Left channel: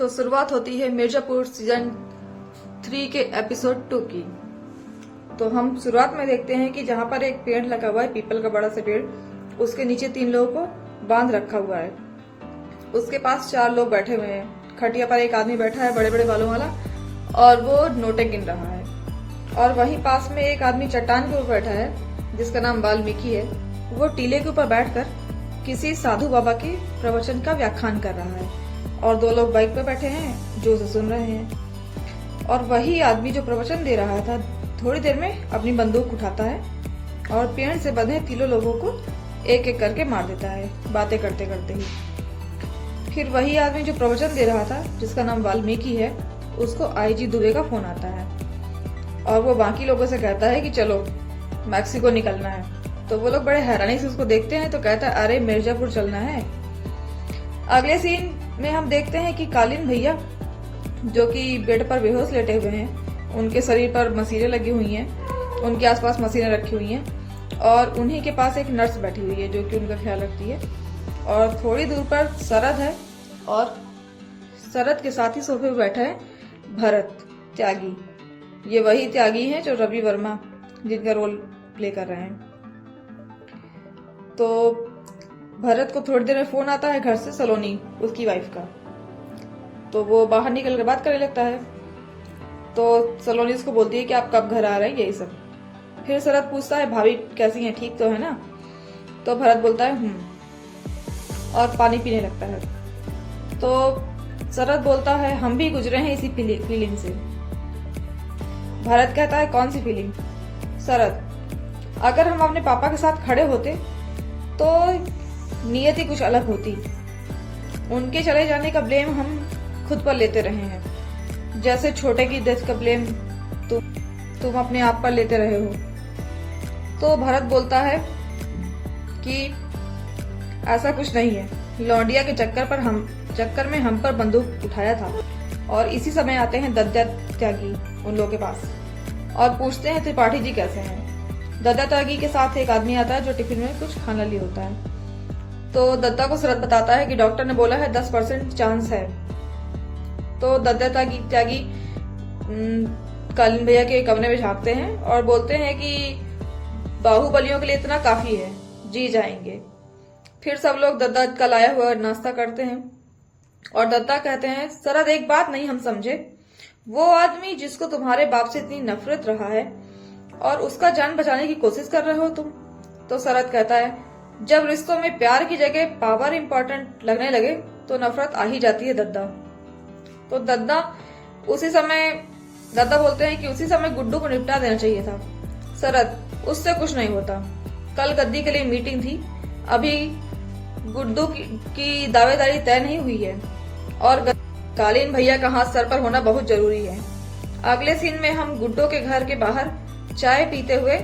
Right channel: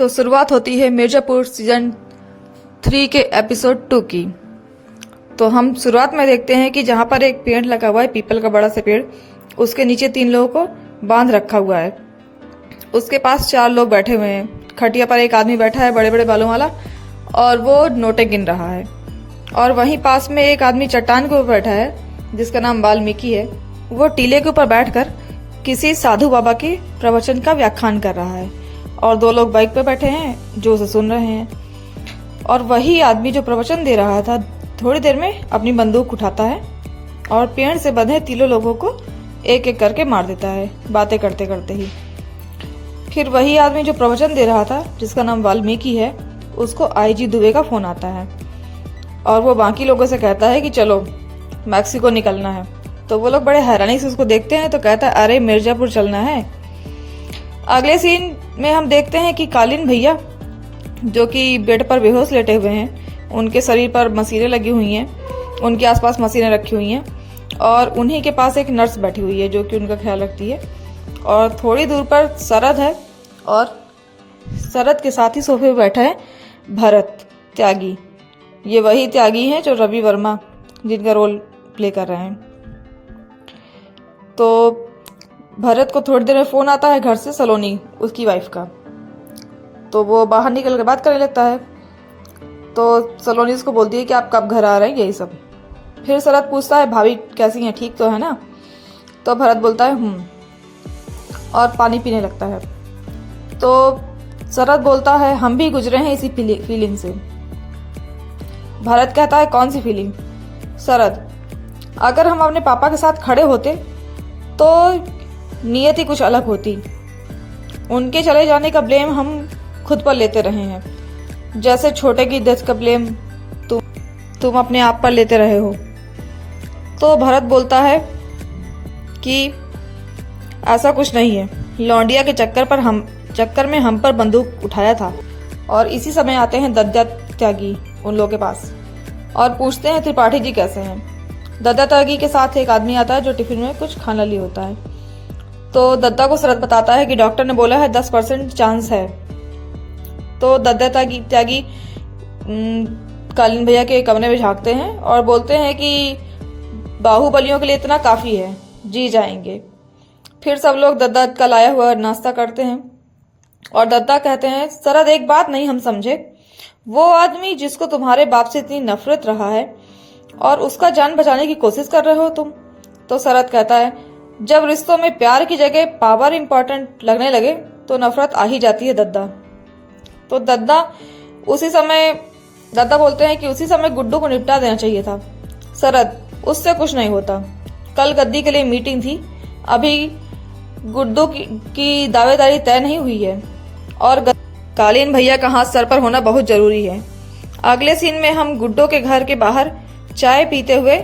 तो शुरुआत होती है मिर्जापुर सीजन 3 के एपिसोड 2 की। तो हम शुरुआत में देखते हैं कि जहाँ पर एक पेड़ लगा हुआ है, पीपल का बड़ा सा पेड़, उसके नीचे 3 लोगों को बांध रखा हुआ है। उसके पास 4 लोग बैठे हुए हैं। खटिया पर एक आदमी बैठा है बड़े बड़े बालों वाला, और वो नोटें गिन रहा है। और वहीं पास में एक आदमी चट्टान के ऊपर बैठा है जिसका नाम वाल्मीकि है। वो टीले के ऊपर बैठकर किसी साधु बाबा के प्रवचन का व्याख्यान कर रहा है, और 2 लोग बाइक पर बैठे हैं जो उसे सुन रहे हैं। और वही आदमी जो प्रवचन दे रहा था थोड़ी देर में अपनी बंदूक उठाता है और पेड़ से बंधे 3 लोगों को एक एक करके मार देता है, बातें करते करते ही। फिर वही आदमी जो प्रवचन दे रहा था जिसका नाम वाल्मीकि है, उसको आईजी दुबे का फोन आता है और वो बाकी लोगों से कहता है कि चलो मैक्सिको निकलना है। तो वो लोग बड़े हैरानी से उसको देखते हैं, तो कहता है अरे मिर्जापुर चलना है। अगले सीन में हम देखते हैं कि कालीन भैया जो कि बेड पर बेहोश लेटे हुए हैं, उनके शरीर पर मशीनें लगी हुई हैं, उनके आसपास मशीनें रखी हुई हैं, और उन्हीं के पास एक नर्स बैठी हुई है जो कि उनका ख्याल रखती है। और थोड़ी दूर पर शरद है, और शरद के साथ ही सोफे पर बैठा है भरत त्यागी। ये वही त्यागी हैं जो रवि वर्मा जिनका रोल प्ले कर रहे हैं। तो भरत को थोड़ी देर में फोन आता है घर से, सलोनी उसकी वाइफ का। तो वो बाहर निकल कर बात करने लगता है। तो सलोनी उसको बोलती है कि आप कब घर आ रहे हैं, यही सब। फिर शरद पूछता है भाभी कैसी हैं, ठीक तो है ना? तो भरत बोलता है और पानी पीने लगता है। तो शरद बोलता है हम भी गुजरे हैं इसी फीलिंग से। भरत कहता है कौन सी फीलिंग? शरद, अगर हम अपने पापा के साथ खड़े होते तो नियति कुछ अलग होती। उनके चले जाने का ब्लेम हम खुद पर लेते रहे हैं, जैसे छोटे की डेथ का ब्लेम तुम अपने आप पर लेते रहे हो। तो भरत बोलता है कि ऐसा कुछ नहीं है, लौंडिया के चक्कर में हम पर बंदूक उठाया था। और इसी समय आते हैं दद्दा त्यागी उन लोगों के पास और पूछते हैं त्रिपाठी जी कैसे हैं। दद्दा त्यागी के साथ एक आदमी आता है जो टिफिन में कुछ खाना लिए होता है। तो दद्दा को शरद बताता है कि डॉक्टर ने बोला है 10% चांस है। तो दद्दा त्यागी कालीन भैया के कमरे में झांकते हैं और बोलते हैं कि बाहुबलियों के लिए इतना काफी है, जी जाएंगे। फिर सब लोग दद्दा का लाया हुआ नाश्ता करते हैं और दद्दा कहते हैं शरद एक बात नहीं हम समझे, वो आदमी जिसको तुम्हारे बाप से इतनी नफरत रहा है और उसका जान बचाने की कोशिश कर रहे हो तुम। तो शरद कहता है जब रिश्तों में प्यार की जगह पावर इंपॉर्टेंट लगने लगे तो नफरत आ ही जाती है दद्दा। तो दद्दा बोलते हैं कि उसी समय गुड्डू को निपटा देना चाहिए था। शरद, उससे कुछ नहीं होता, कल गद्दी के लिए मीटिंग थी, अभी गुड्डू की दावेदारी तय नहीं हुई है और कालीन भैया का हाथ सर पर होना बहुत जरूरी है। अगले सीन में हम गुड्डू के घर के बाहर चाय पीते हुए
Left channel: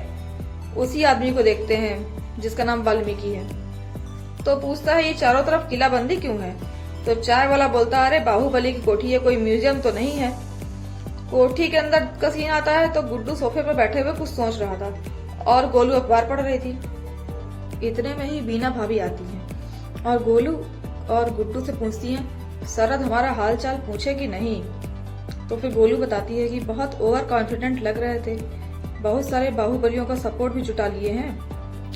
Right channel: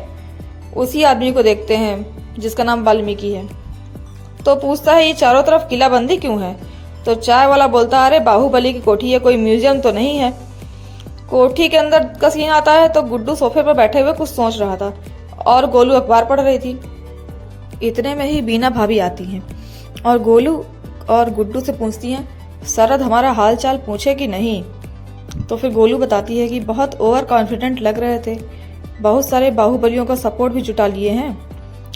उसी आदमी को देखते हैं जिसका नाम वाल्मीकि है। तो पूछता है ये चारों तरफ किलाबंदी क्यों है? तो चाय वाला बोलता है अरे बाहुबली की कोठी है, कोई म्यूजियम तो नहीं है। कोठी के अंदर का सीन आता है तो गुड्डू सोफे पर बैठे हुए कुछ सोच रहा था और गोलू अखबार पढ़ रही थी। इतने में ही बीना भाभी आती हैं और गोलू और गुड्डू से पूछती हैं शरद हमारा हाल चाल पूछे कि नहीं? तो फिर गोलू बताती है कि बहुत ओवर कॉन्फिडेंट लग रहे थे, बहुत सारे बाहुबलियों का सपोर्ट भी जुटा लिए हैं,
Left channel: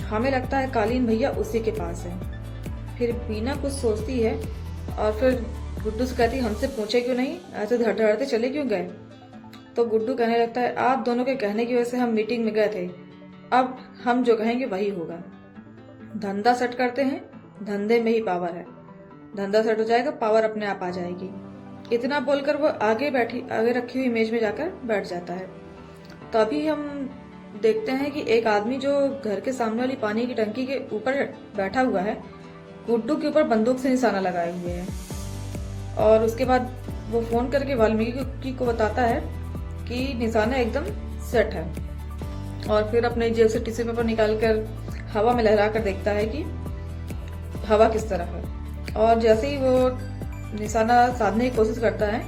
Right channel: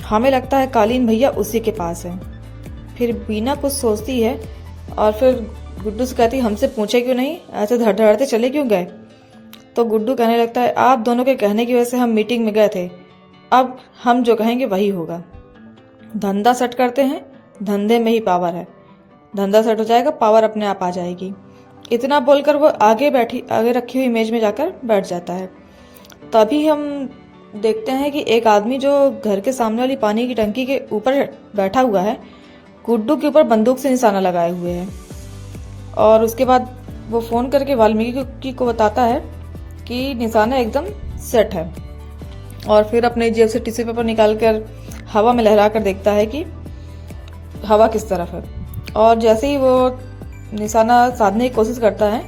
हमें लगता है कालीन भैया उसी के पास है। फिर बीना कुछ सोचती है और फिर गुड्डू से कहती हमसे पूछे क्यों नहीं, ऐसे धड़धड़ाते चले क्यों गए? तो गुड्डू कहने लगता है आप दोनों के कहने की वजह से हम मीटिंग में गए थे, अब हम जो कहेंगे वही होगा। धंधा सेट करते हैं, धंधे में ही पावर है, धंधा सेट हो जाएगा पावर अपने आप आ जाएगी। इतना बोलकर वो आगे रखी हुई मेज में जाकर बैठ जाता है। तभी हम देखते हैं कि एक आदमी जो घर के सामने वाली पानी की टंकी के ऊपर बैठा हुआ है, गुड्डू के ऊपर बंदूक से निशाना लगाए हुए है। और उसके बाद वो फोन करके वाल्मीकि को बताता है कि निशाना एकदम सेट है। और फिर अपने जेब से टिश्यू पेपर निकाल कर हवा में लहरा कर देखता है कि हवा किस तरफ है। और जैसे ही वो निशाना साधने की कोशिश करता है,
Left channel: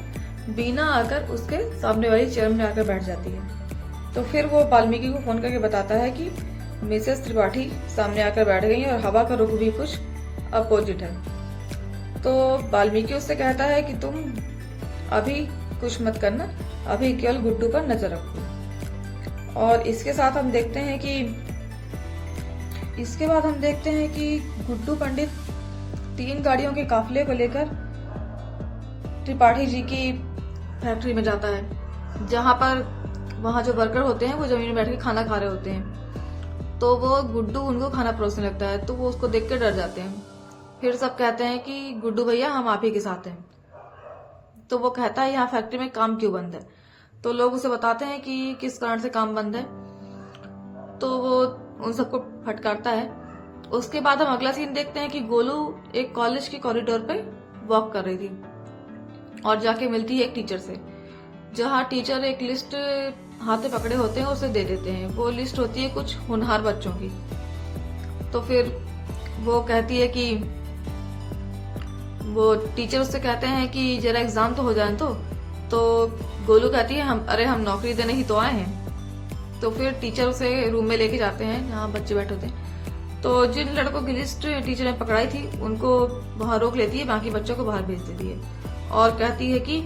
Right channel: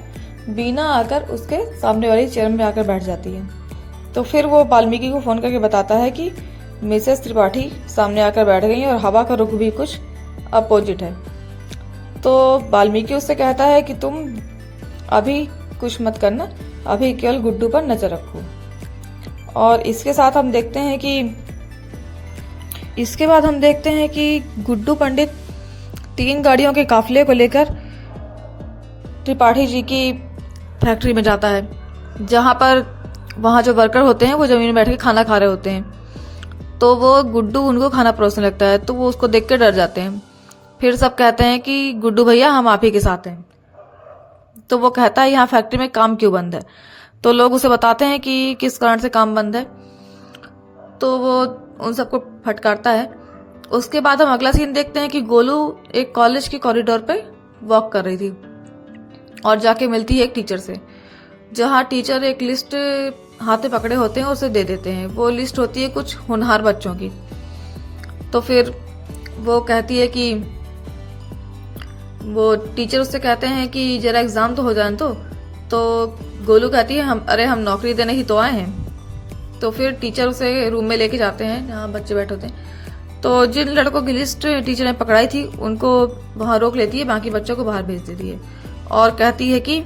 बीना आकर उसके सामने वाली चेयर में आकर बैठ जाती है। तो फिर वो वाल्मीकि को फोन करके बताता है कि मिसेस त्रिपाठी सामने आकर बैठ गई और हवा का रुख भी कुछ अपोजिट है। तो वाल्मीकि उससे कहता है कि तुम अभी कुछ मत करना, अभी केवल गुड्डू पर नजर रखो। और इसके बाद हम देखते हैं कि गुड्डू पंडित 3 गाड़ियों के काफिले को लेकर त्रिपाठी जी की फैक्ट्री में जाता है, जहां पर वहां जो वर्कर होते हैं वो जमीन में बैठ के खाना खा रहे होते हैं। तो वो गुड्डू उनको खाना परोसने लगता है, तो वो उसको देख के डर जाते हैं। फिर सब कहते हैं कि गुड्डू भैया हम आप ही के साथ हैं। तो वो कहता है यहाँ फैक्ट्री में काम क्यों बंद है। तो लोग उसे बताते हैं कि किस कारण से काम बंद है। तो वो उन सबको फटकारता है। उसके बाद हम अगला सीन देखते हैं कि गोलू एक कॉलेज के कॉरिडोर पे वॉक कर रही थी और जाके मिलती है एक टीचर से, जहाँ टीचर एक लिस्ट हाथ में पकड़े होते हैं उसे दे देते हैं। वो लिस्ट होती है कुछ होनहार बच्चों की। तो फिर वो कहती है कि वो टीचर उससे कहते हैं कि जरा एग्जाम तो हो जाए। तो गोलू कहती है हम नौकरी देने ही तो आए हैं। तो फिर टीचर उसे रूम में लेके जाते हैं जहाँ बच्चे बैठे होते हैं। तो जिन लड़कों की लिस्ट टीचर ने पकड़ाई थी उनको वहां रोक लेती है, बाकी बच्चों को बाहर भेज देती है और कहती है कि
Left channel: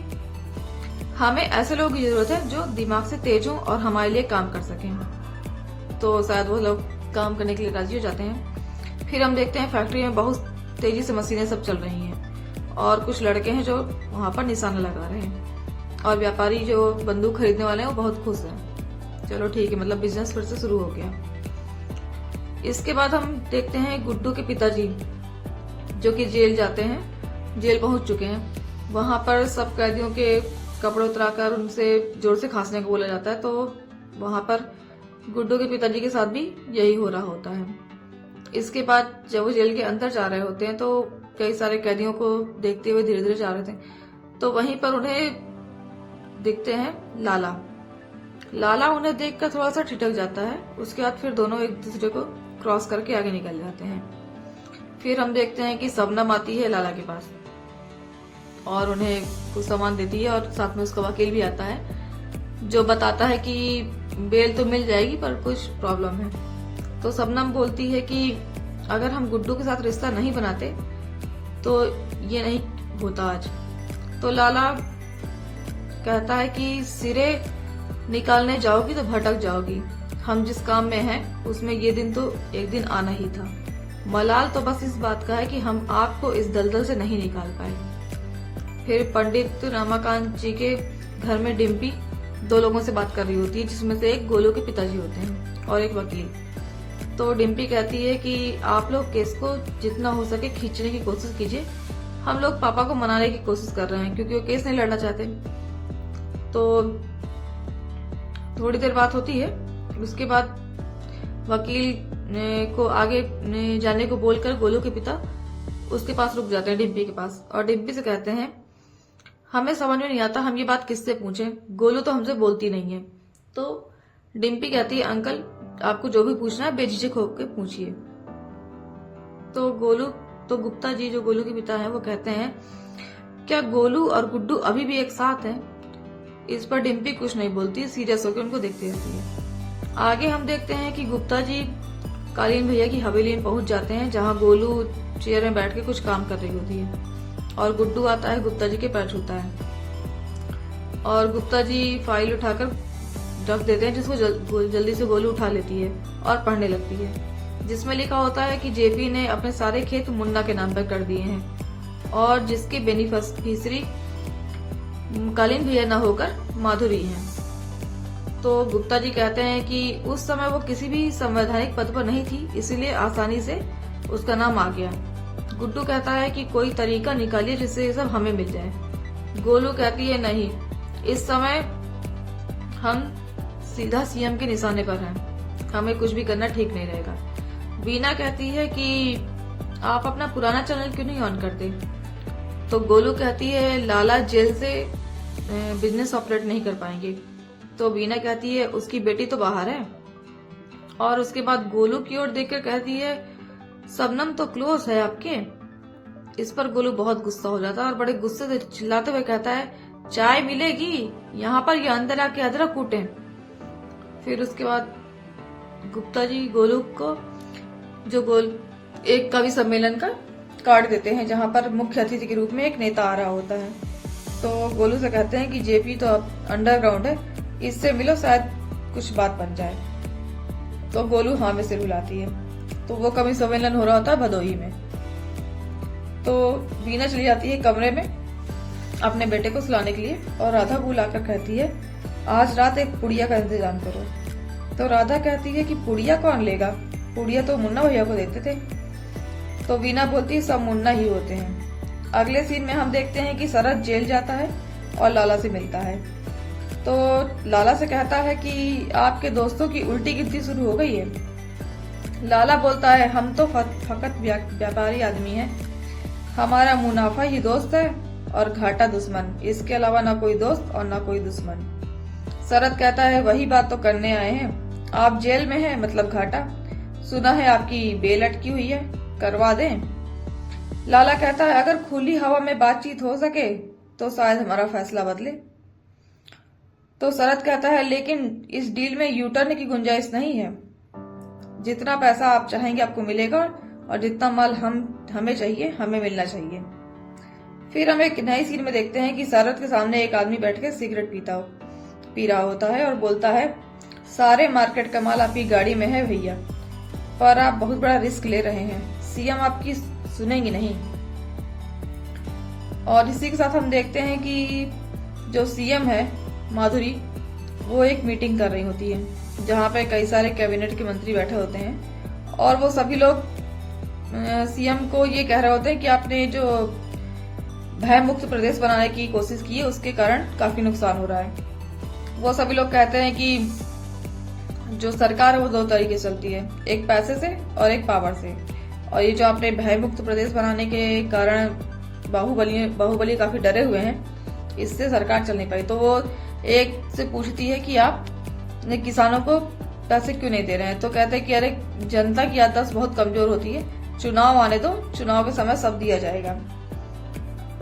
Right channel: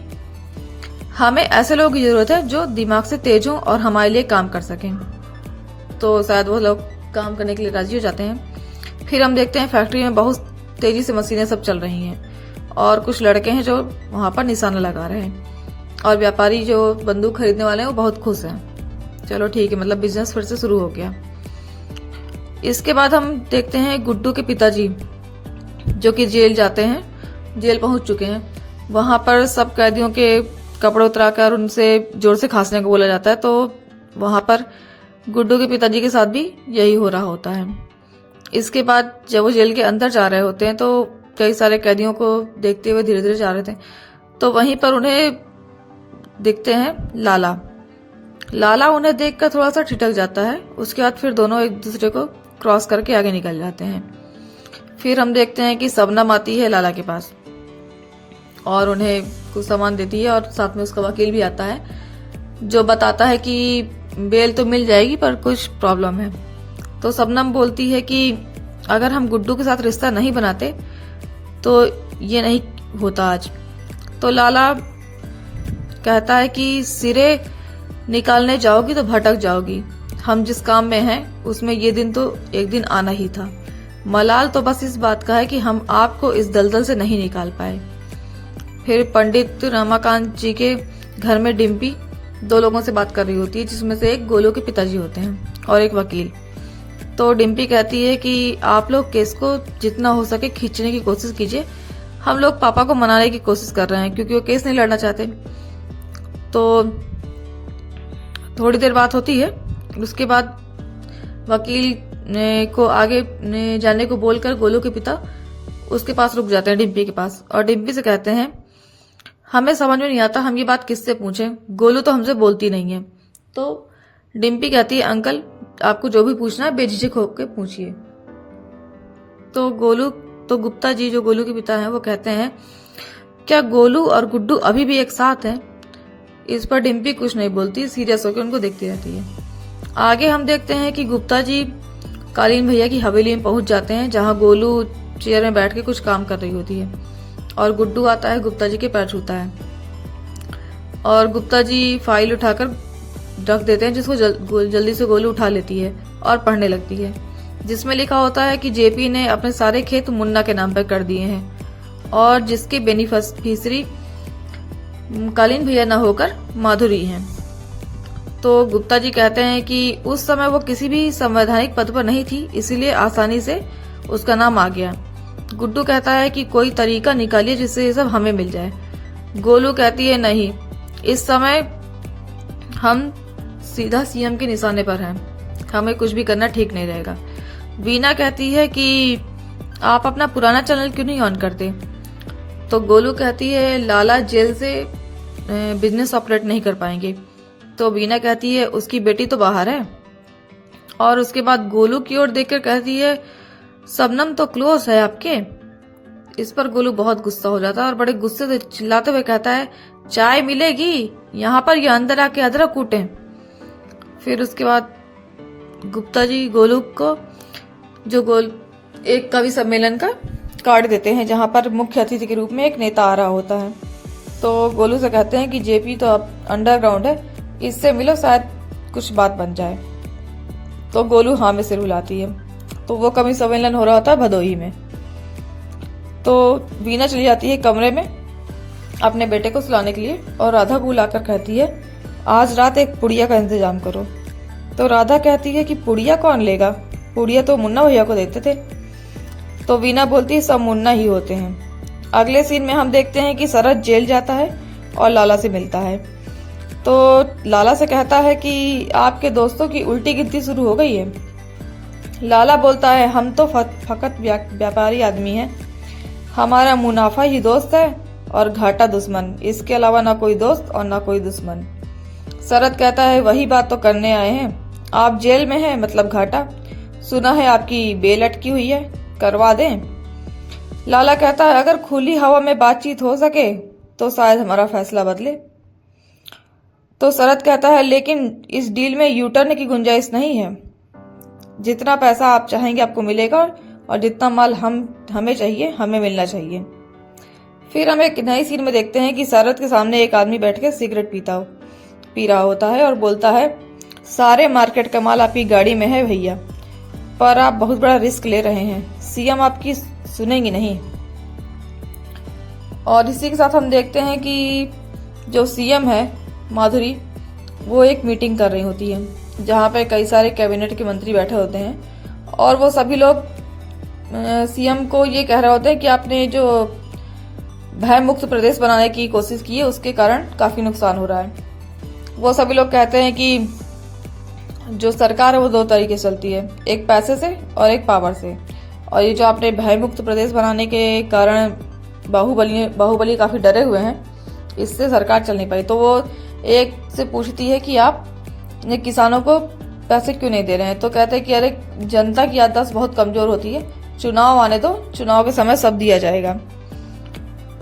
हमें ऐसे लोगों की जरूरत है जो दिमाग से तेज हों और हमारे लिए काम कर सकें। तो शायद वो लोग काम करने के लिए राजी हो जाते हैं। फिर हम देखते हैं फैक्ट्री में बहुत तेजी से मशीनें सब चल रही हैं और कुछ लड़के हैं जो वहां पर निशाना लगा रहे हैं और व्यापारी जो बंदूक खरीदने वाले हैं वो बहुत खुश हैं। चलो ठीक है, मतलब बिजनेस फिर से शुरू हो गया। इसके बाद हम देखते हैं गुड्डू के पिताजी जो कि जेल जाते हैं, जेल पहुंच चुके हैं। वहां पर सब कैदियों के कपड़े उतराकर उनसे जोर से खांसने को बोला जाता है। तो वहां पर गुड्डू के पिताजी के साथ भी यही हो रहा होता है। इसके बाद जब वो जेल के अंदर जा रहे होते हैं तो कई सारे कैदियों को देखते हुए धीरे धीरे जा रहे थे। तो वहीं पर उन्हें दिखते हैं लाला उन्हें देखकर थोड़ा सा ठिठक जाता है। उसके बाद फिर दोनों एक दूसरे को क्रॉस करके आगे निकल जाते हैं। फिर हम देखते हैं कि सबनम आती है लाला के पास और उन्हें कुछ सामान देती है और साथ में उसका वकील भी आता है जो बताता है कि बेल तो मिल जाएगी पर कुछ प्रॉब्लम है। तो सबनम बोलती है कि अगर हम गुड्डू के साथ रिश्ता नहीं बनाते तो ये नहीं होता आज। तो लाला कहता है कि सिरे निकालने जाओगी तो भटक जाओगी, हम जिस काम में हैं उसमें ये दिन तो एक दिन आना ही था। मलाल तो बस इस बात का है कि हम आपको इस दलदल से नहीं निकाल पाए। फिर पंडित रमाकांत जी के घर में डिम्पी 2 लोगों से बात कर रही होती है, जिसमें से एक गोलू के पिताजी होते हैं और एक वकील। तो डिम्पी कहती है कि आप लोग केस को जितना हो सके खींचने की कोशिश कीजिए, हम लोग पापा को मनाने की कोशिश कर रहे हैं क्योंकि वो केस नहीं लड़ना चाहते। तो थोड़ी देर बात होती है। उसके बाद वकील को आगे जाने को बोलकर गोलू के पिता उसके पास रुक जाते हैं, डिम्पी के पास, और डिम्पी से कहते हैं हमें समझ में नहीं आता हम ये बात किससे पूछें, गोलू तो हमसे बोलती नहीं है। तो डिम्पी कहती है अंकल आपको जो भी पूछना है बेझिझक होकर पूछिए। तो गुप्ता जी जो गोलू के पिता हैं वो कहते हैं क्या गोलू और गुड्डू अभी भी एक साथ हैं? इस पर डिम्पी कुछ नहीं बोलती, सीरियस होकर उनको देखती रहती है। आगे हम देखते हैं कि गुप्ता जी कालीन भैया की हवेली में पहुंच जाते हैं जहां गोलू चेयर में बैठ के कुछ काम कर रही होती है और गुड्डू आता है, गुप्ता जी के पैर छूता है और गुप्ता जी फाइल उठाकर रख देते हैं जिसको जल्दी से गोलू उठा लेती है और पढ़ने लगती है, जिसमें लिखा होता है कि जेपी ने अपने सारे खेत मुन्ना के नाम पर कर दिए हैं और जिसके बेनिफिशियरी कालीन भैया न होकर माधुरी हैं। तो गुप्ता जी कहते हैं कि उस समय वो किसी भी संवैधानिक पद पर नहीं थी, इसीलिए आसानी से उसका नाम आ गया। गुड्डू कहता है कि कोई तरीका निकालिए जिससे ये सब हमें मिल जाए। गोलू कहती है नहीं, इस समय हम सीधा सीएम के निशाने पर हैं, हमें कुछ भी करना ठीक नहीं रहेगा। वीना कहती है कि आप अपना पुराना चैनल क्यों नहीं ऑन करते? तो गोलू कहती है लाला जेल से बिजनेस ऑपरेट नहीं कर पाएंगे। तो वीना कहती है उसकी बेटी तो बाहर है और उसके बाद गोलू की ओर देखकर कहती है सबनम तो क्लोज है आपके। इस पर गोलू बहुत गुस्सा हो जाता है और बड़े गुस्से से चिल्लाते हुए कहता है चाय मिलेगी यहाँ पर, ये अंदर आके अदरक कूटे। फिर उसके बाद गुप्ता जी गोलू को एक कवि सम्मेलन का कार्ड देते हैं जहां पर मुख्य अतिथि के रूप में एक नेता आ रहा होता है। तो गोलू से कहते हैं कि जेपी तो अब अंडरग्राउंड है, इससे मिलो शायद कुछ बात बन जाए। तो गोलू हाँ में सिर हिलाती है। तो वो कभी सम्मेलन हो रहा होता है भदोही में। तो वीना चली जाती है कमरे में अपने बेटे को सुलाने के लिए और राधा को बुलाकर कहती है आज रात एक पुड़िया का इंतजाम करो। तो राधा कहती है कि पुड़िया कौन लेगा, पुड़िया तो मुन्ना भैया को देते थे। तो वीना बोलती है सब मुन्ना ही होते हैं। अगले सीन में हम देखते हैं कि शरद जेल जाता है और लाला से मिलता है। तो लाला से कहता है कि आपके दोस्तों की उल्टी गिनती शुरू हो गई है। लाला बोलता है हम तो फकत व्यापारी आदमी हैं, हमारा मुनाफा ही दोस्त है और घाटा दुश्मन, इसके अलावा ना कोई दोस्त और ना कोई दुश्मन। शरद कहता है वही बात तो करने आए हैं, आप जेल में हैं मतलब घाटा, सुना है आपकी बेल अटकी हुई है, करवा दें। लाला कहता है अगर खुली हवा में बातचीत हो सके तो शायद हमारा फैसला बदले। तो शरद कहता है लेकिन इस डील में यू टर्न की गुंजाइश नहीं है, जितना पैसा आप चाहेंगे आपको मिलेगा और जितना माल हमें चाहिए हमें मिलना चाहिए। फिर हम एक नई सीन में देखते हैं कि शरद के सामने एक आदमी बैठ के सिगरेट पी रहा होता है और बोलता है सारे मार्केट का माल आपकी गाड़ी में है भैया, पर आप बहुत बड़ा रिस्क ले रहे हैं, सीएम आपकी सुनेंगी नहीं। और इसी के साथ हम देखते हैं कि जो सीएम है माधुरी, वो एक मीटिंग कर रही होती है जहाँ पे कई सारे कैबिनेट के मंत्री बैठे होते हैं और वो सभी लोग सीएम को ये कह रहे होते हैं कि आपने जो भय मुक्त प्रदेश बनाने की कोशिश की है उसके कारण काफी नुकसान हो रहा है। वो सभी लोग कहते हैं कि जो सरकार है वो दो तरीके से चलती है, एक पैसे से और एक पावर से, और ये जो आपने भय मुक्त प्रदेश बनाने के कारण बाहुबली काफी डरे हुए हैं, इससे सरकार चल नहीं पाई। तो वो एक से पूछती है कि आप किसानों को पैसे क्यों नहीं दे रहे हैं। तो कहते हैं कि अरे जनता की याददाश्त बहुत कमजोर होती है, चुनाव आने दो, चुनाव के समय सब दिया जाएगा।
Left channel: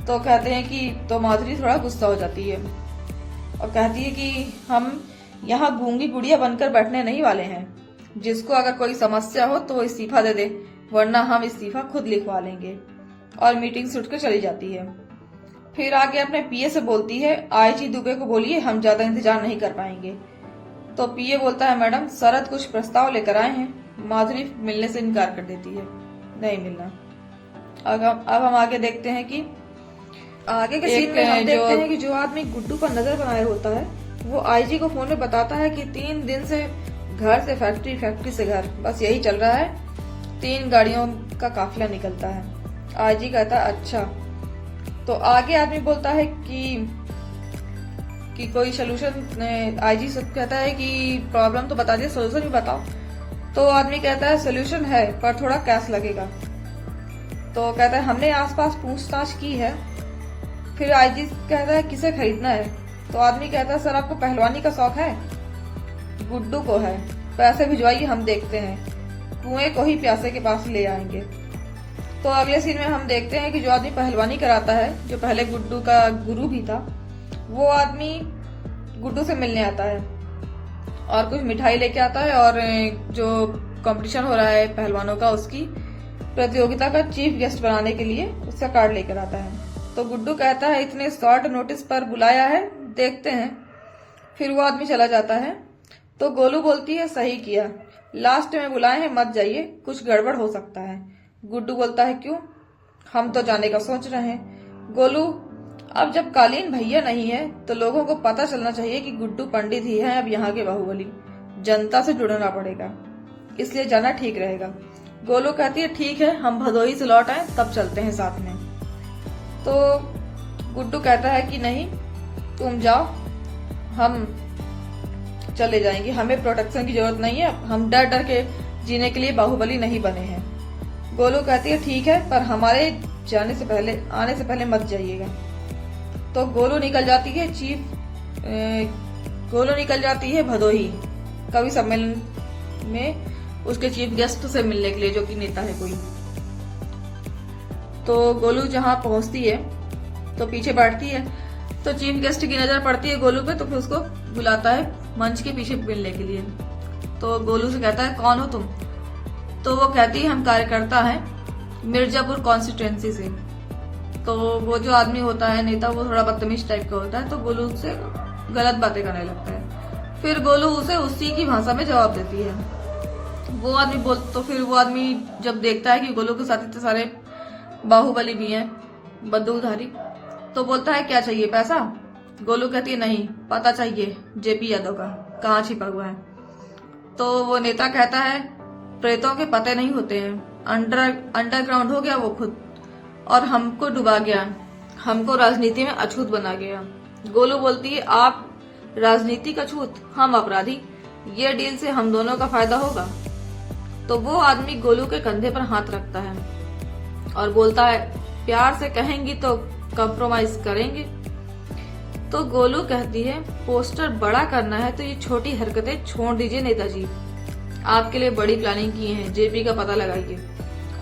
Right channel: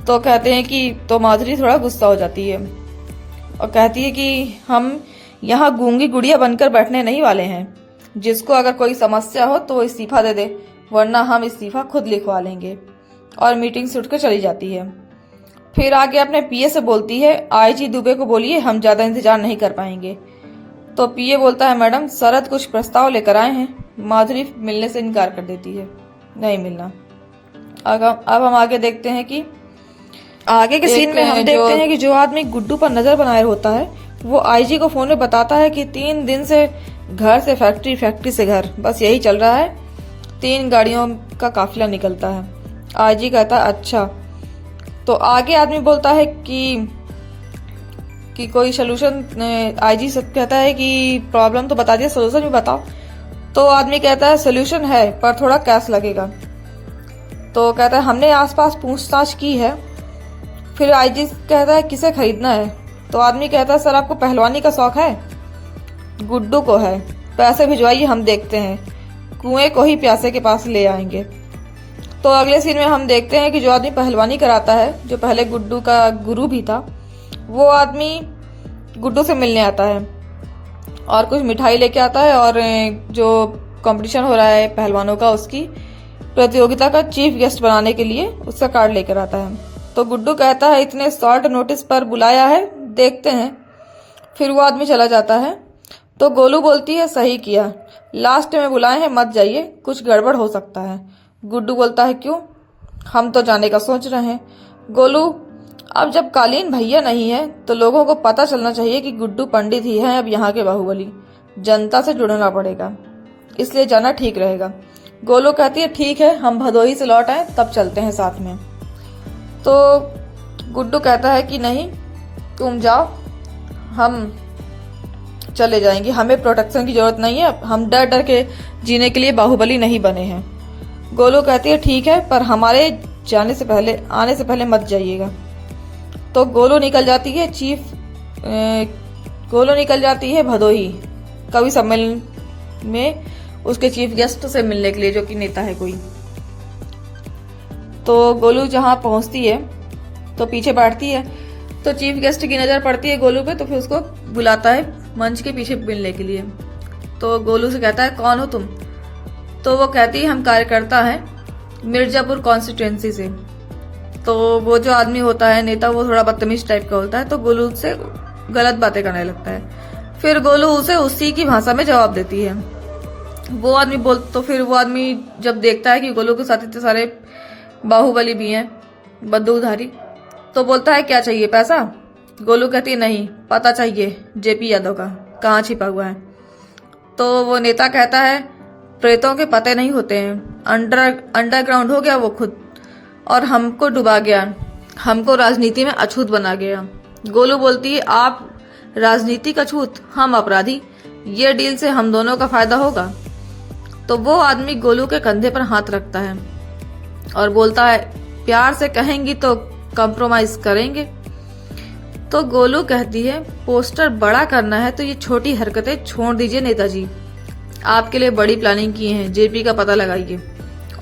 तो कहते हैं कि तो माधुरी थोड़ा गुस्सा हो जाती है और कहती है कि हम यहाँ गूंगी गुड़िया बनकर बैठने नहीं वाले हैं, जिसको अगर कोई समस्या हो तो वो इस्तीफा दे दे, वरना हम इस्तीफा खुद लिखवा लेंगे। और मीटिंग से उठ कर चली जाती है। फिर आगे अपने पीए से बोलती है आईजी दुबे को बोलिए हम ज्यादा इंतजार नहीं कर पाएंगे। तो पीए बोलता है मैडम शरद कुछ प्रस्ताव लेकर आए हैं। माधुरी मिलने से इनकार कर देती है, नहीं मिलना। अब हम आगे देखते हैं कि आगे के सीन में हम देखते हैं कि जो आदमी गुड्डू पर नजर बनाए होता है वो आईजी को फोन में बताता है कि 3 दिन से घर से फैक्ट्री, फैक्ट्री से घर, बस यही चल रहा है, 3 गाड़ियों का काफिला निकलता है। आईजी कहता है अच्छा। तो आगे आदमी बोलता है कि कोई सोल्यूशन, आईजी से कहता है कि प्रॉब्लम तो बता दिया, सोल्यूशन भी बताओ। तो आदमी कहता है सोल्यूशन है पर थोड़ा कैश लगेगा। तो कहता है हमने आसपास पूछताछ की है। फिर आईजी कहता है किसे खरीदना है। तो आदमी कहता है सर आपको पहलवानी का शौक है? गुड्डू को है, पैसे भिजवाइए हम देखते हैं, कुएं को ही प्यासे के पास ले आएंगे। तो अगले सीन में हम देखते हैं कि जो आदमी पहलवानी कराता है, जो पहले गुड्डू का गुरु भी था, वो आदमी गुड्डू से मिलने आता है और कुछ मिठाई लेके आता है और जो कंपटीशन हो रहा है पहलवानों का, उसकी प्रतियोगिता का चीफ गेस्ट बनाने के लिए उसका कार्ड लेकर आता है। तो गुड्डू कहता है इतने शॉर्ट नोटिस पर बुलाया है, देखते हैं। फिर वो आदमी चला जाता है। तो गोलू बोलती है सही किया, लास्ट में बुलाए हैं, मत जाइए, कुछ गड़बड़ हो सकता है। गुड्डू बोलता है क्यों, हम तो जाने का सोच रहे हैं। गोलू अब जब कालीन भैया नहीं है तो लोगों को पता चलना चाहिए कि गुड्डू पंडित ही है अब यहाँ के बाहुबली, जनता से जुड़ना पड़ेगा, इसलिए जाना ठीक रहेगा। गोलू कहती है ठीक है, हम भदोही से लौट आए तब चलते हैं साथ में। तो गुड्डू कहता है कि नहीं तुम जाओ, हम चले जाएंगे, हमें प्रोटेक्शन की जरूरत नहीं है, हम डर डर के जीने के लिए बाहुबली नहीं बने हैं। गोलू कहती है ठीक है, पर हमारे आने से पहले मत जाइएगा। तो गोलू निकल जाती है भदोही कवि सम्मेलन में उसके चीफ गेस्ट से मिलने के लिए, जो कि नेता है कोई। तो गोलू जहां पहुंचती है तो पीछे बैठती है, तो चीफ गेस्ट की नजर पड़ती है गोलू पे, तो फिर उसको बुलाता है मंच के पीछे मिलने के लिए। तो गोलू से कहता है कौन हो तुम? तो वो कहती है हम कार्यकर्ता हैं मिर्जापुर कॉन्स्टिट्यूएंसी से। तो वो जो आदमी होता है नेता, वो थोड़ा बदतमीज टाइप का होता है, तो गोलू उससे गलत बातें करने लगता है। फिर गोलू उसे उसी की भाषा में जवाब देती है। फिर वो आदमी जब देखता है कि गोलू के साथ इतने सारे बाहुबली भी हैं, बंदूकधारी, तो बोलता है क्या चाहिए, पैसा? गोलू कहती है नहीं, पता चाहिए जेपी यादव का कहाँ छिपा हुआ है। तो वो नेता कहता है प्रेतों के पते नहीं होते हैं, अंडरग्राउंड हो गया वो खुद, और हमको डुबा गया, हमको राजनीति में अछूत बना गया। गोलू बोलती है आप राजनीतिक अछूत, हम अपराधी, ये डील से हम दोनों का फायदा होगा। तो वो आदमी गोलू के कंधे पर हाथ रखता है और बोलता है प्यार से कहेंगी तो कॉम्प्रोमाइज करेंगे। तो गोलू कहती है पोस्टर बड़ा करना है तो ये छोटी हरकतें छोड़ दीजिए नेताजी, आपके लिए बड़ी प्लानिंग की है, जेपी का पता लगाइए।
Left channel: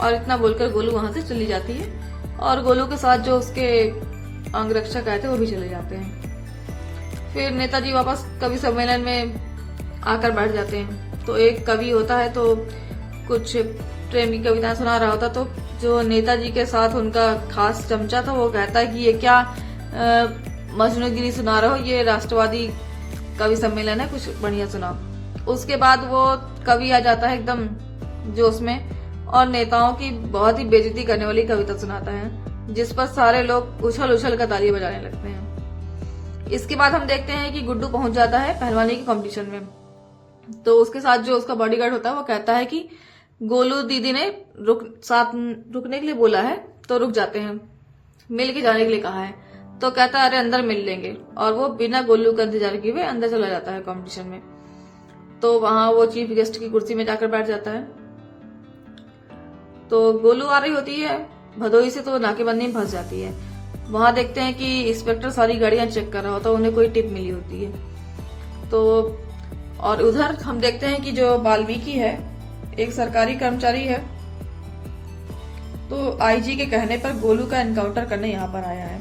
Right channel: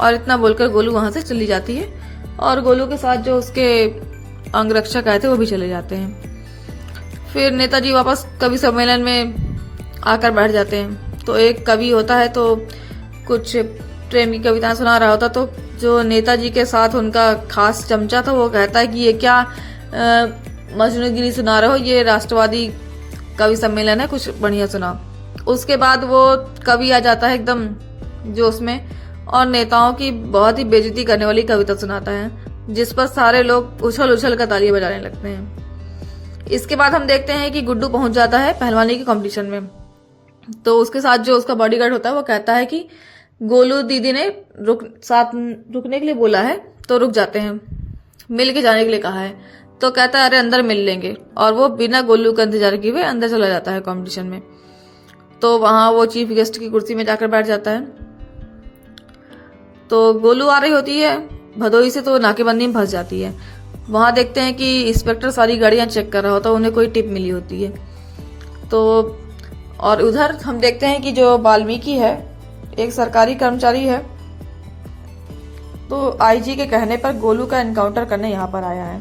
और इतना बोलकर गोलू वहां से चली जाती है और गोलू के साथ जो उसके अंगरक्षक आए थे वो भी चले जाते हैं। फिर नेताजी वापस कवि सम्मेलन में आकर बैठ जाते हैं। तो एक कवि होता है तो कुछ प्रेम की कविता सुना रहा होता, तो जो नेताजी के साथ उनका खास चमचा था वो कहता है कि ये क्या मजनूगिरी सुना रहे हो, ये राष्ट्रवादी कवि सम्मेलन है, कुछ बढ़िया सुना। उसके बाद वो कवि आ जाता है एकदम जोश में और नेताओं की बहुत ही बेइज्जती करने वाली कविता सुनाता है, जिस पर सारे लोग उछल उछल कर तालियां बजाने लगते हैं। इसके बाद हम देखते हैं कि गुड्डू पहुंच जाता है पहलवानी के कंपटीशन में। तो उसके साथ जो उसका बॉडीगार्ड होता है वो कहता है कि गोलू दीदी ने रुकने के लिए बोला है, तो रुक जाते हैं, मिल के जाने के लिए कहा है। तो कहता है अरे अंदर मिल लेंगे, और वो बिना गोलू का इंतजार किए हुए अंदर चला जाता है कंपटीशन में। तो वहां वो चीफ गेस्ट की कुर्सी में जाकर बैठ जाता है। तो गोलू आ रही होती है भदोही से, तो नाकेबंदी में फंस जाती है। वहां देखते हैं कि इंस्पेक्टर सारी गाड़ियां चेक कर रहा होता है, उन्हें कोई टिप मिली होती है। तो और उधर हम देखते हैं कि जो वाल्मीकि है एक सरकारी कर्मचारी है, तो आईजी के कहने पर गोलू का एनकाउंटर करने यहाँ पर आया है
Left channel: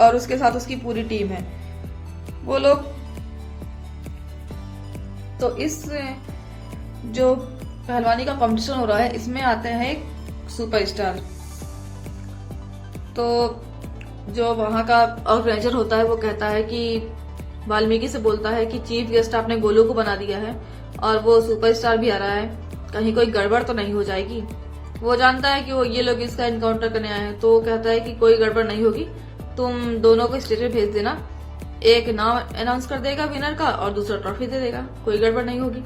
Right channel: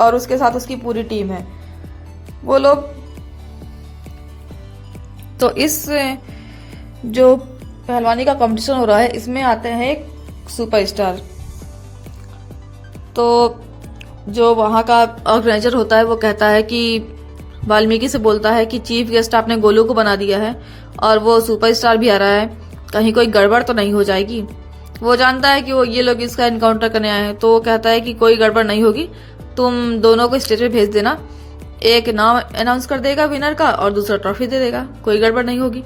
और उसके साथ उसकी पूरी टीम है। वो लोग तो इस जो पहलवानी का कंपटीशन हो रहा है इसमें आते हैं एक सुपरस्टार। तो जो वहां का ऑर्गेनाइजर होता है वो कहता है कि वाल्मीकि से बोलता है कि चीफ गेस्ट आपने गोलू को बना दिया है और वो सुपरस्टार भी आ रहा है, कहीं कोई गड़बड़ तो नहीं हो जाएगी। वो जानता है कि वो ये लोग इसका एनकाउंटर करने आए हैं, तो वो कहता है कि कोई गड़बड़ नहीं होगी, तुम दोनों को स्टेज पे भेज देना, एक नाम अनाउंस कर देगा विनर का और दूसरा ट्रॉफी दे देगा, कोई गड़बड़ नहीं होगी।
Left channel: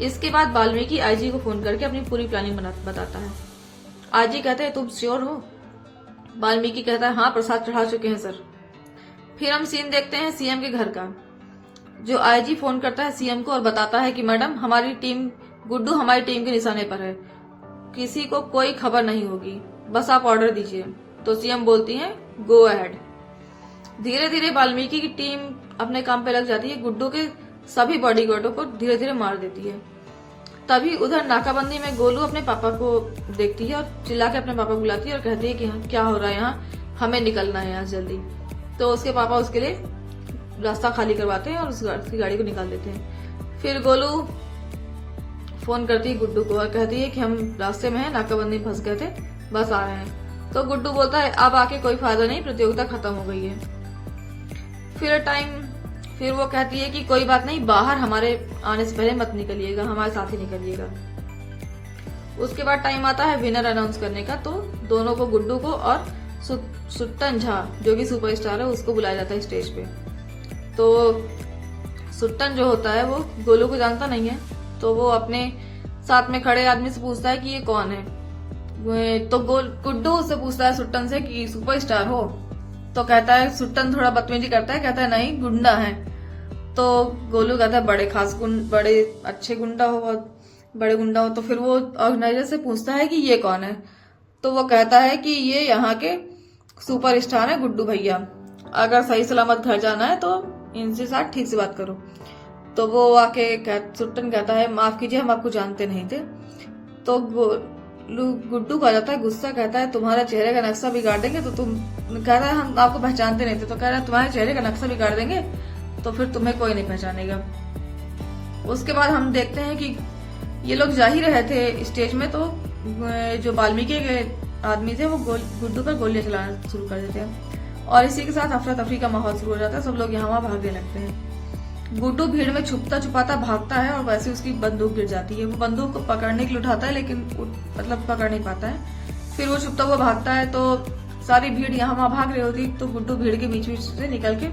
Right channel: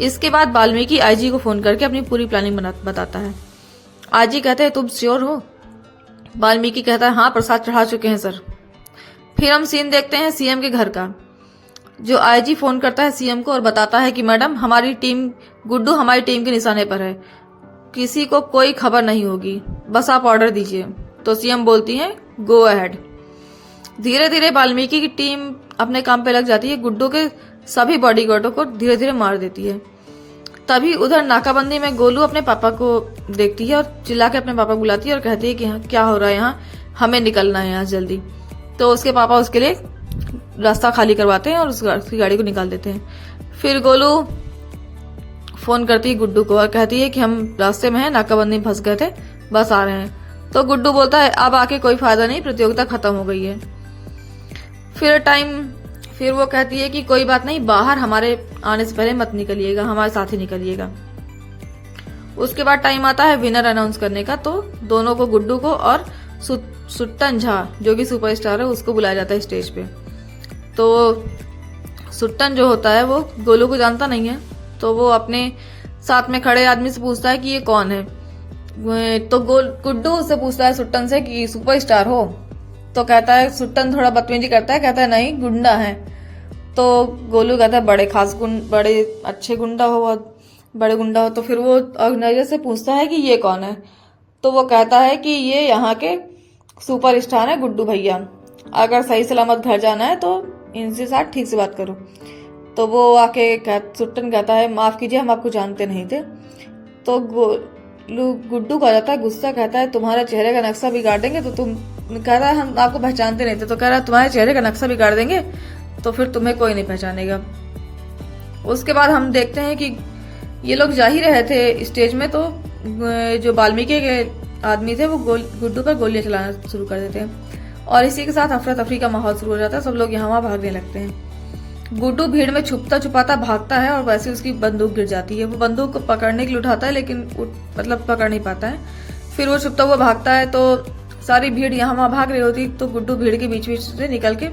इसके बाद वाल्मीकि आईजी को फोन करके अपनी पूरी प्लानिंग बताता है। आईजी कहते हैं तुम श्योर हो? वाल्मीकि कहता है हाँ, प्रसाद चढ़ा चुके हैं सर। फिर हम सीन देखते हैं सीएम के घर का। जो आईजी फोन करता है सीएम को और बताता है कि मैडम हमारी टीम गुड्डू हमारी टीम के निशाने पर है, किसी को कोई खबर नहीं होगी, बस आप ऑर्डर दीजिए। तो सीएम बोलती है गो अहेड। धीरे धीरे वाल्मीकि की टीम अपने काम पे लग जाती है, गुड्डू के सभी बॉडीगार्डों को धीरे धीरे मार देती है। तभी उधर नाकाबंदी में गोलू अपने पापा को देखती है और चिल्ला के अपने पापा को बुलाती है और कहती है कि क्या हो रहा है यहाँ, हमें निकलना है यहाँ जल्दी। तो उसके पापा उसके लिए रास्ता खाली करवाते हैं और उसकी गाड़ी को निकाल देते हैं। फिर गोलू फोन करती है गुड्डू को और कहती है कि हम रास्ते में हैं, नाकाबंदी में फंस गए थे, बस आ रहे हैं। तो गुड्डू बोलता है अब आके कोई फायदा नहीं, प्रतियोगिता खत्म हो गई है। फिर वो कहती है कि कोई बात नहीं, बाहर हमारे आने से पहले मत निकलिएगा, हमारे साथ ही निकलिएगा। उसके बाद टाइम आता है विनर अनाउंस करने का। तो दोनों को, गुड्डू को और सुट्टन झा जो कि सुपरस्टार है, उसको बुलाया जाता है स्टेज पे। तो सुट्टन जो होता है वो गोलू को जानता नहीं है, तो वो अपने साथ में खड़े आदमी से पूछता है कि ये कौन है। तो गुड्डू उससे पूछता है सुट्टन से कि सुपरस्टार हो? तो कहता है, सुट्टन थोड़ा बदतमीजी करता है, कहता है नहीं गुंडा है। तो गोलू कहता है बड़े अच्छे गुंडा हो, बहुत बड़े गुंडा हो। तो फिर वो ऑर्गेनाइजर से पूछता है कि ये कौन है? तो वो कहता है कि ये यहाँ के सुपरस्टार है गुड्डू भैया, अगर सही सलामत घर जाना है तो इनसे साथ ठीक से बात करो। तो वो आके सुट्टन कहता है माफ कीजिए, हम आपको जानते नहीं थे। तो गुड्डू का जाता है गुस्सा, कहता है तुम्हारे चेहरे का नक्शा बिगाड़ देंगे। तो तुम कहता है हम आपको पहचानते नहीं थे। तो कह रहा है तुम्हारे चेहरे का नक्शा बिगाड़ देंगे तो फिर तुम्हें कोई नहीं पहचानेगा। उसके बाद हम देखते हैं कि ये लोग जा ही रहे थे स्टेज में, तो जो वाल्मीकि के आदमी थे वो गुड्डू पर गोलियां चलाना शुरू कर देते हैं और इसी के साथ अफरा तफरी का माहौल शुरू हो जाता है। सब लोग यहाँ वहां भागने लगते हैं। गुड्डू भीड़ में छुपता छुपाता भागता है और वैसे उसकी बंदूक गिर जाती है। वो बंदूक को पकड़ने के लिए उठाता है लेकिन मतलब पकड़ नहीं पाता है। फिर वो छुपता हुआ भागता है तो सारी भीड़ यहाँ वहां भाग रही होती, तो गुड्डू भीड़ के बीच बीच से निकल के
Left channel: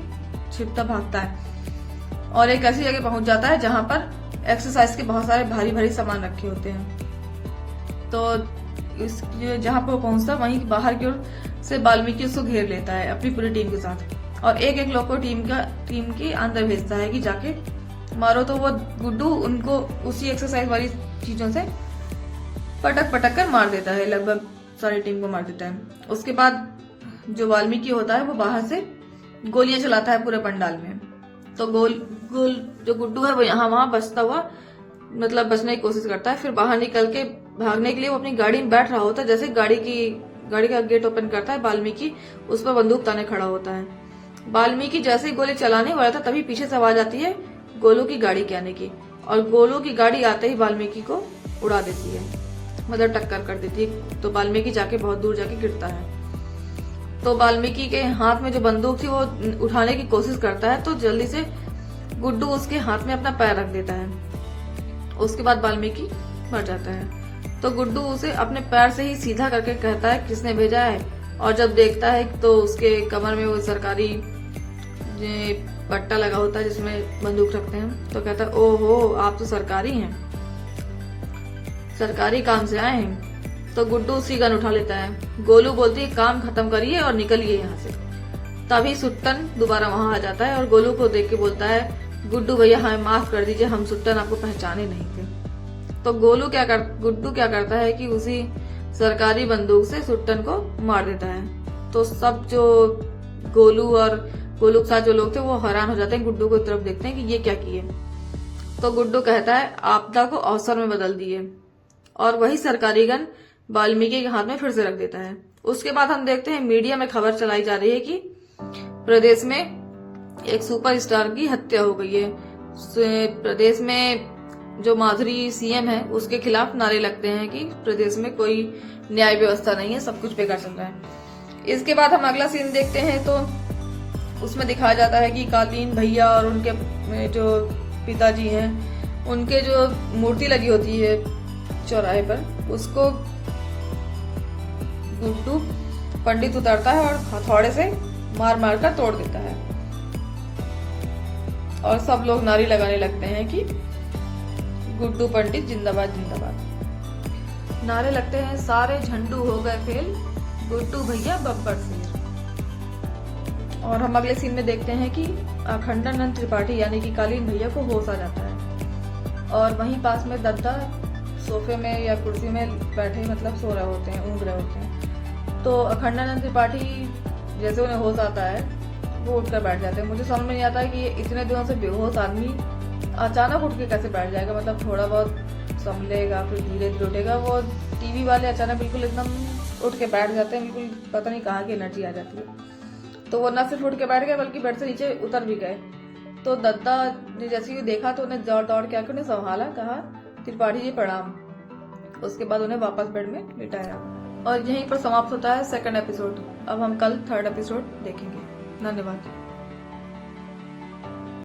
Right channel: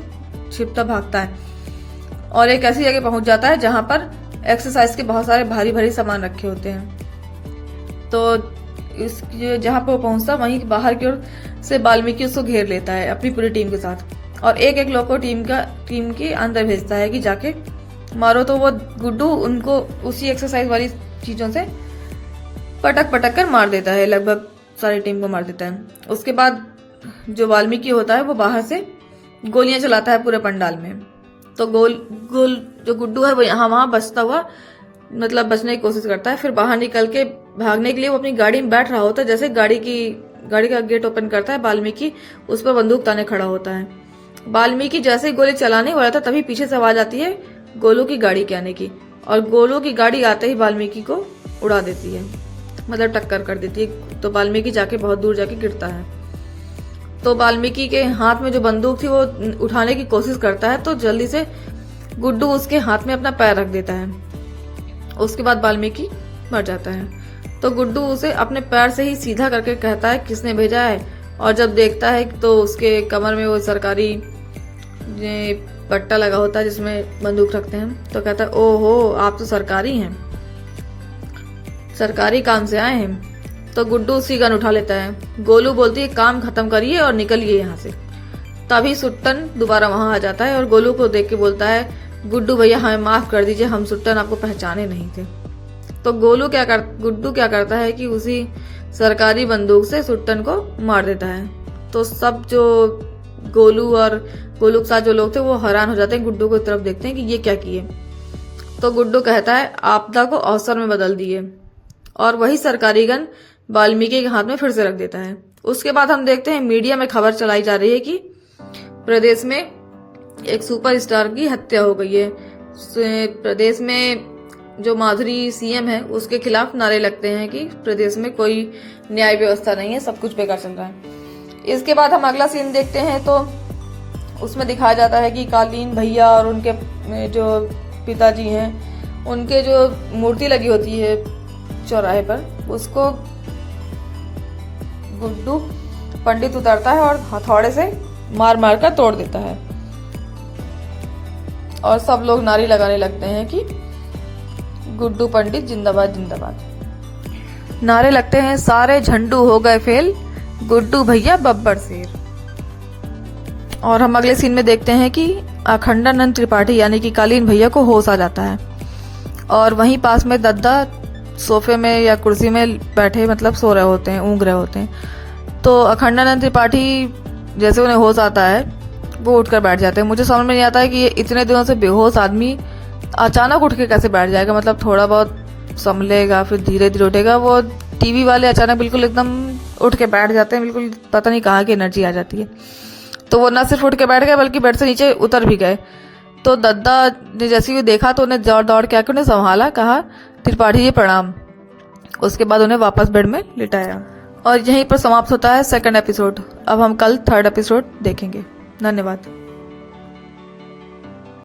छिपता भागता है और एक ऐसी जगह पहुंच जाता है जहां पर एक्सरसाइज के बहुत सारे भारी भारी सामान रखे होते हैं। तो जहां पर वो पहुंचता वहीं बाहर की ओर से वाल्मीकि उसको घेर लेता है अपनी पूरी टीम के साथ और एक एक लोग को टीम के अंदर भेजता है कि जाके मारो। तो वो गुड्डू उनको उसी एक्सरसाइज वाली चीजों से पटक पटक कर मार देता है, लगभग सारी टीम को मार देता है। उसके बाद जो वाल्मीकि होता है वो बाहर से गोलियां चलाता है पूरे पंडाल में। तो गोल जो गुड्डू है वो यहाँ वहां बचता हुआ मतलब बचने की कोशिश करता है। फिर बाहर निकल के भागने के लिए वो अपनी गाड़ी में बैठ रहा होता है। जैसे गाड़ी का गेट ओपन करता है वाल्मीकि उस पर बंदूक ताने खड़ा होता है। वाल्मीकि जैसे ही गोली चलाने वाला था तभी पीछे से आवाज आती है गोलू की गाड़ी के आने की और गोलू की गाड़ी आते ही वाल्मीकि को उड़ा देती है, मतलब टक्कर कर देती है। तो वाल्मीकि जाके बहुत दूर जाके गिरता है। तो वाल्मीकि के हाथ में जो बंदूक थी वो उठाने की कोशिश करता है तो जल्दी से गुड्डू उसके हाथ में अपना पैर रख देता है। उसके बाद वाल्मीकि मर जाता है। तो गुड्डू उसे अपने पैर से ही सीधा करके कहता है किसने भेजा है, और जब देखता है तो उसके कमर में वो सरकारी पट्टा लगा होता है जिसमें बंदूक रखते हैं। तो कहता है ओहो आप तो सरकारी हैं, सरकारी काम से आए हैं। तो गुड्डू उसी गन उठा लेता है। गोलू बोलती है काम खत्म करिए और निकलिए यहाँ से। तभी सुट्टन दोबारा वहां आ जाता है और गोलू को देख के बोलता है गुड्डू भैया हमें माफ कर दीजिए, हम सुट्टन आपको पहचाने नहीं थे। तो गुड्डू क्या करता है कि उसी सरकारी बंदूक से सुट्टन को मार देता है। तो सब जो गोलू के साथ जो लोग थे वो हैरान हो जाते हैं, गुड्डू को तरफ देखते हैं कि ये क्या किए। तो गुड्डू कहता है आपदा को अवसर में बदल दिए और वही सरकारी गन वाल्मीकि के हाथ में फिर से रख देता है। उसके बाद हम देखते हैं मीडिया में खबर चलाई जा रही है कि प्रदेश में एक सुपरस्टार की हत्या हो गई है। प्रदेश में जो माधुरी सीएम है उसके खिलाफ नारे लगते हैं कि प्रदेश में कोई न्याय व्यवस्था नहीं है, सब कुछ बेकार चल रहा है। इसके बाद हम अगला सीन देखते हैं तो उसमें दिखाया जाता है कि कालीन भैया और उनके जो पिताजी हैं उनके जो मूर्ति लगी होती है चौराहे पर, उसको गुड्डू पंडित उतारता है और हथौड़े से मार मार कर तोड़ देता है और सब लोग नारे लगाने लगते हैं कि गुड्डू पंडित जिंदाबाद जिंदाबाद। नारे लगते हैं सारे झंडू हो गए फेल, गुड्डू भैया बब्बर शेर। और हम अगले सीन में देखते हैं कि अखंडानंद त्रिपाठी यानी कि कालीन भैया को होश आ जाता है और वहीं पास में दद्दा सोफे में या कुर्सी में बैठे मतलब सो रहे होते हैं, ऊँग रहे होते हैं। तो अखंडानंद त्रिपाठी जैसे उन्हें होश आता है वो उठकर बैठ जाते हैं। मुझे समझ में नहीं आता है कि ये इतने दिनों से बेहोश आदमी अचानक उठ के कैसे बैठ जाएगा, मतलब थोड़ा बहुत संभलेगा फिर धीरे धीरे उठेगा। वो टीवी वाले अचानक बिल्कुल एकदम उठ के बैठ जाते हैं, बिल्कुल पता नहीं कहाँ की एनर्जी आ जाती है। तो वो न सिर्फ उठ के बैठ गए बल्कि बेड से नीचे उतर भी गए। तो दद्दा ने जैसे ही देखा तो उन्हें दौड़ दौड़ के आकर उन्हें संभाला, कहा त्रिपाठी जी प्रणाम। उसके बाद उन्हें वापस बेड में लिटाया और यहीं पर समाप्त होता है सेकंड एपिसोड। अब हम कल थर्ड एपिसोड देखेंगे। धन्यवाद।